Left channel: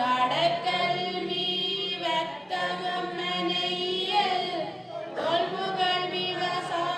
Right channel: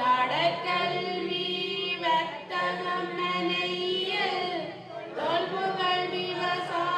ஜடக்கல்வி வர்த்தகம் நனையல் தொல்புகள் விவசாயம்